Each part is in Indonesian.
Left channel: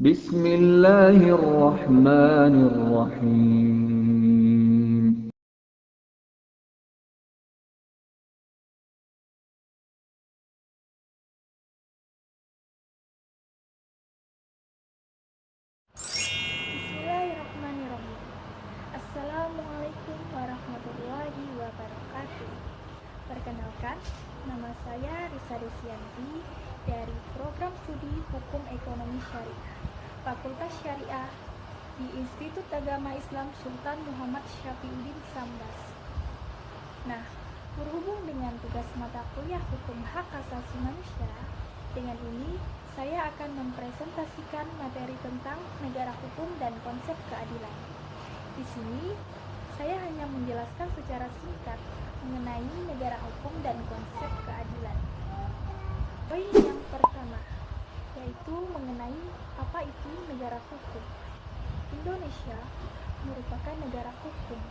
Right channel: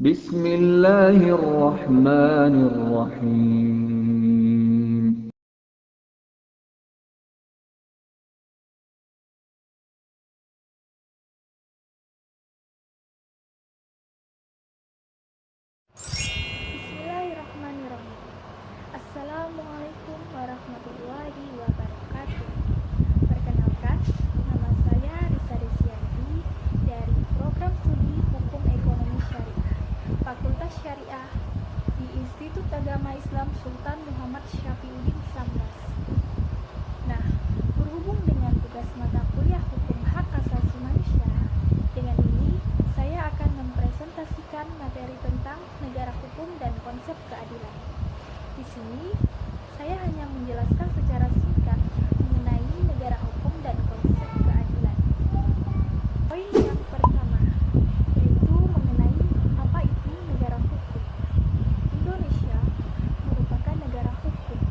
Bismillahirrahmanirrahim. Bismillahirrahmanirrahim. Assalamualaikum warahmatullahi wabarakatuh. Perkenalkan, nama saya Risa Desianti dari Program Studi Hukum Ekonomi Syariah, Fakultas Syariah di Institut Agama Islam Sultan Muhammad Syafiuddin Sambas. Nah, berhubung dengan tugas mata kuliah Hukum Hak Asasi Manusia, dengan ini saya akan mempresentasikan materi tentang negara hukum dan konsep keadilan. Di sini, saya hanya menjelaskan secara singkat mengenai negara hukum dan konsep keadilan. Poin yang pertama, yaitu mengenai apa itu negara hukum. Indonesia merupakan negara hukum.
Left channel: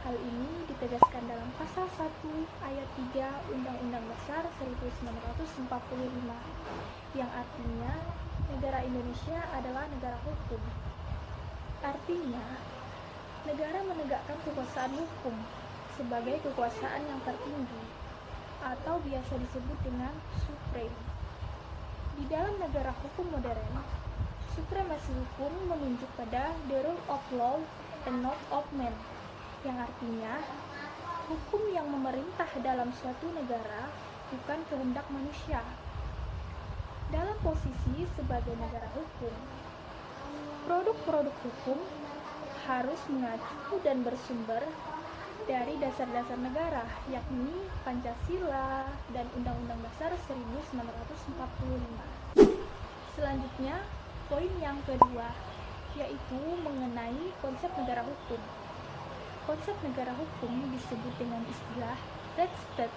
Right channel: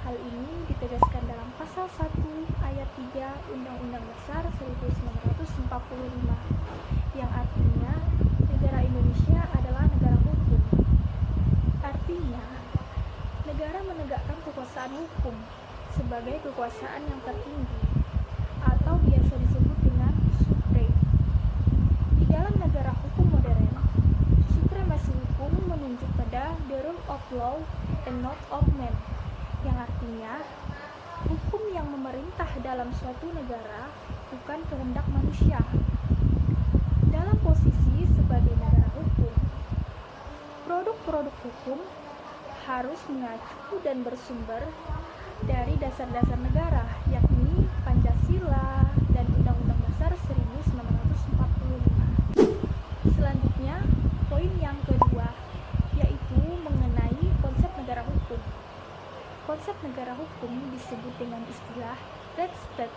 Hal ini ditegaskan dalam pasal 1 ayat 3 Undang-Undang Dasar 1945, yang artinya negara Indonesia adalah negara hukum. Artinya, negara menegakkan kekuasaan hukum sebagai kekuasaan yang tertinggi, atau biasa disebut dengan supreme. Di dalam negara hukum modern, supremasi hukum menunjuk pada the rule of law and not of man, yang artinya hukum yang memerintah dalam suatu negara bukan kehendak manusia. Dalam posisi sebagai negara hukum, produk-produk hukum harus mengacu dan bersumber dari dasar-dasar negara, yakni Pancasila dan Undang-Undang Dasar 1945. Selanjutnya, poin yang kedua, yaitu mengenai konsep negara hukum. Konsep negara hukum disebut dengan istilah red state.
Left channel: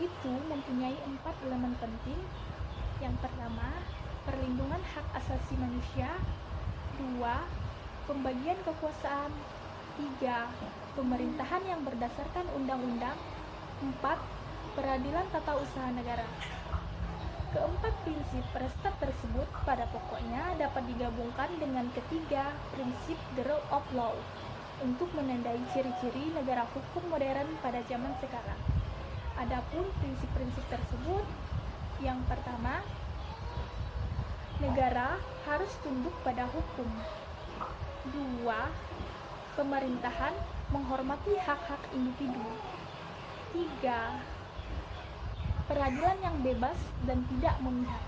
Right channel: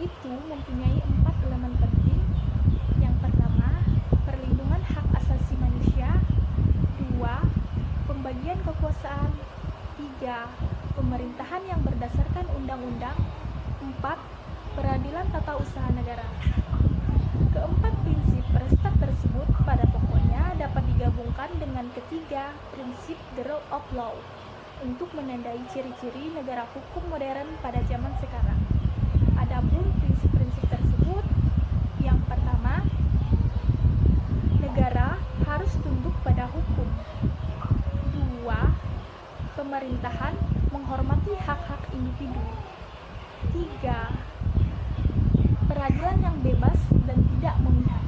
Itu mempunyai 4 elemen penting. Yang pertama, perlindungan hak asasi manusia. 2, pembagian kekuasaan. 3, pemerintahan yang berdasarkan undang-undang. 4, peradilan tata usaha negara. Keempat prinsip restat tersebut pada pokoknya dapat digabungkan dengan ketiga prinsip the rule of law untuk menandai ciri-ciri negara hukum modern pada zaman sekarang. Adapun prinsip-prinsip tersebut, yang pertama, negara harus tunduk pada hukum. 2, pemerintahan menghormati hak-hak individu. 3, peradilan yang bebas dan tidak memihak.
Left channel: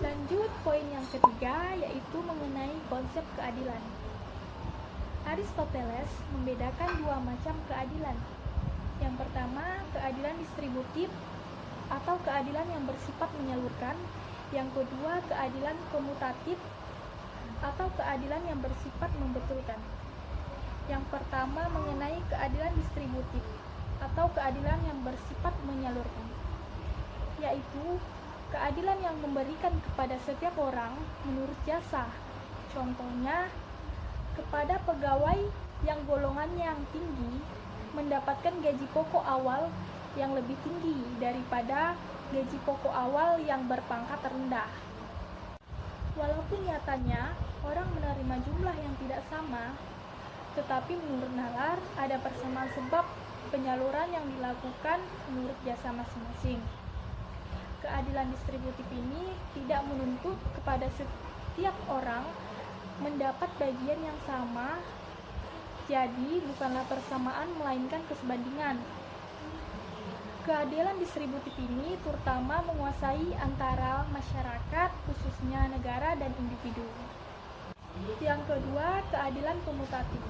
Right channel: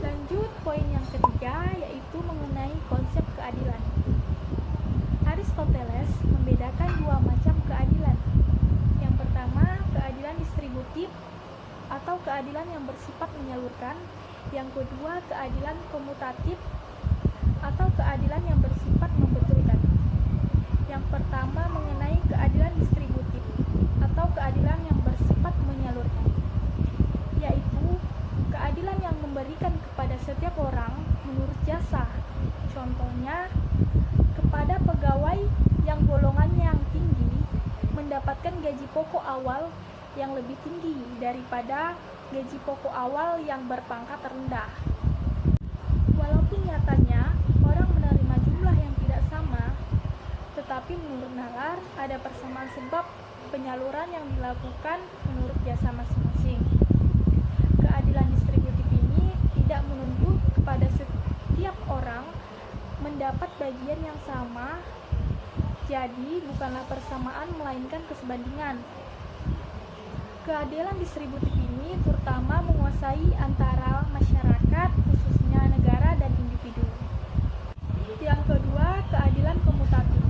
Lanjut poin yang ketiga, yaitu mengenai konsep keadilan. Aristoteles membedakan 2 macam keadilan. Yang pertama, keadilan distributif atau keadilan yang bersifat menyalurkan. Yang kedua, keadilan komutatif atau keadilan yang bersifat membetulkan. Yang pertama mengenai keadilan distributif atau keadilan yang bersifat menyalurkan, yaitu keadilan yang memberikan kepada setiap orang menurut jasa. Contohnya, kepada pegawai yang golongannya yang tinggi mendapatkan gaji pokok awal yang lebih tinggi daripada gaji pokok awal yang berpangkat rendah. Walaupun nyatanya orang menerima jumlah yang tidak sama, tetapi menurut nalar ada persamaan sebab penyaluran yang dilakukan menurut jasa masing-masing. Keadilan distributif ini tidak menuntut kepada setiap orang mendapat bagian yang sama, jadi bukanlah persamaan melainkan kesebandingan. Keadilan distributif ini terutama menguasai antara masyarakat, khususnya negara dan individu. Yang kedua, keadilan komutatif.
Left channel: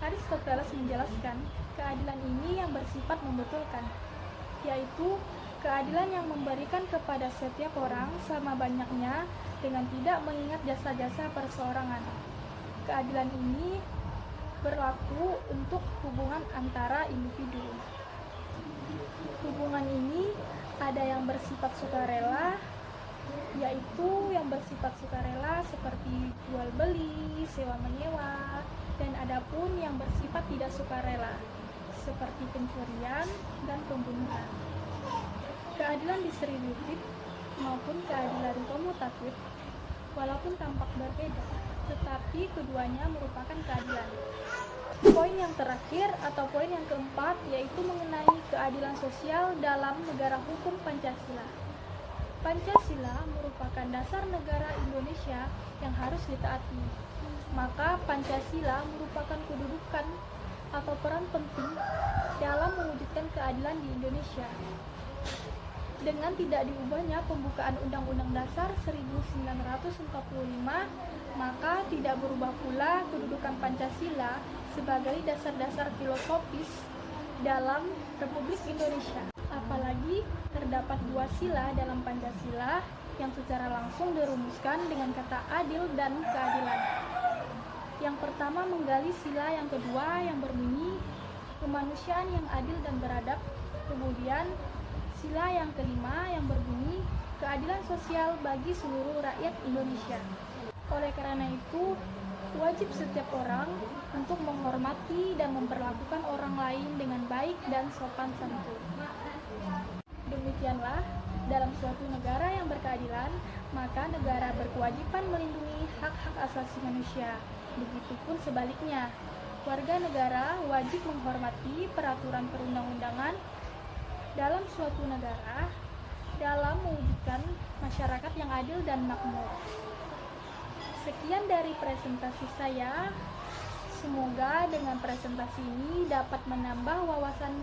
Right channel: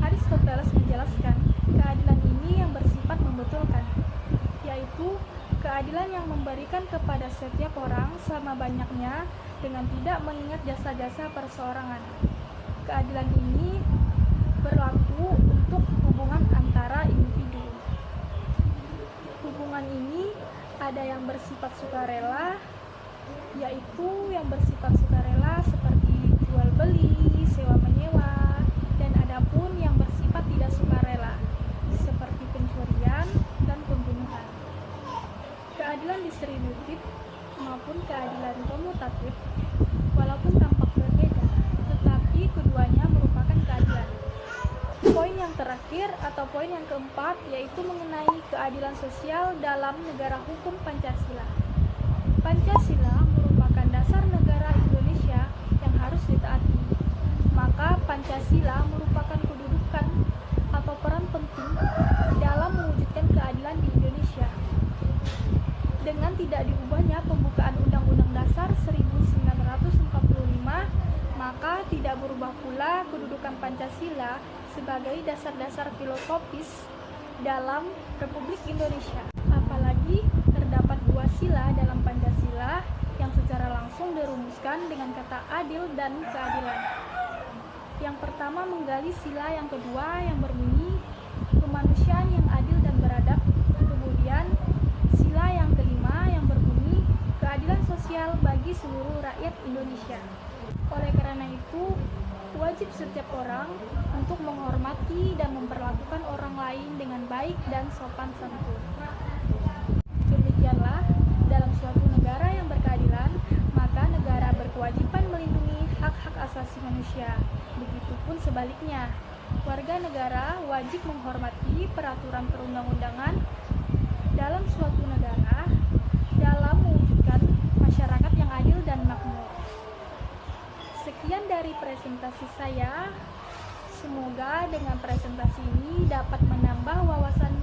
Aristoteles menjelaskan keadilan ini yang bersifat membetulkan, yaitu keadilan yang memberikan kepada setiap orang sama banyaknya dengan tidak mengingat jasa-jasa perseorangan. Keadilan ini berlaku untuk hubungan antara individu. Hubungan ini ada yang bersifat sukarela, yaitu yang bersifat sukarela seperti jual beli, sewa menyewa, dan adapun yang bersifat tidak sukarela seperti pencurian dan pembunuhan. Keadilan distributif maupun keadilan komutatif, walaupun terakhir atau poin yang keempat yaitu mengenai keadilan sosial dalam negara hukum Pancasila. Pancasila merupakan dasar negara Indonesia yang harus ditaati. Maka Pancasila merupakan kedudukan atau peran penting dalam mewujudkan keadilan di Indonesia. Dengan tidak diubahnya pembukaan Undang-Undang Dasar 1945, maka tidak berubah pula kedudukan Pancasila sebagai dasar-dasar filosofis dalam Republik Indonesia. Apalagi terdapat dua sila dalam Pancasila yang secara langsung dirumuskan dengan kata adil dan keadilan. Yang pertama menggali sila yang kedua yang berbunyi kemanusiaan yang adil dan beradab. Kemudian sila yang kelima yang berbunyi keadilan sosial bagi seluruh rakyat Indonesia. Oleh karena itu, wajib setiap orang untuk menghormati dan memperlakukan orang lain dengan baik dan sopan santun. Demikianlah, dalam suatu negara yang berkeadilan, maka negara berkewajiban melindungi hak-hak asasi manusia. Begitupun sebaliknya, warga negara wajib menghormati peraturan perundang-undangan dalam suatu negara dalam mewujudkan masyarakat yang adil dan makmur. Sekian dari presentasi saya. Semoga dengan presentasi ini dapat menambah wawasan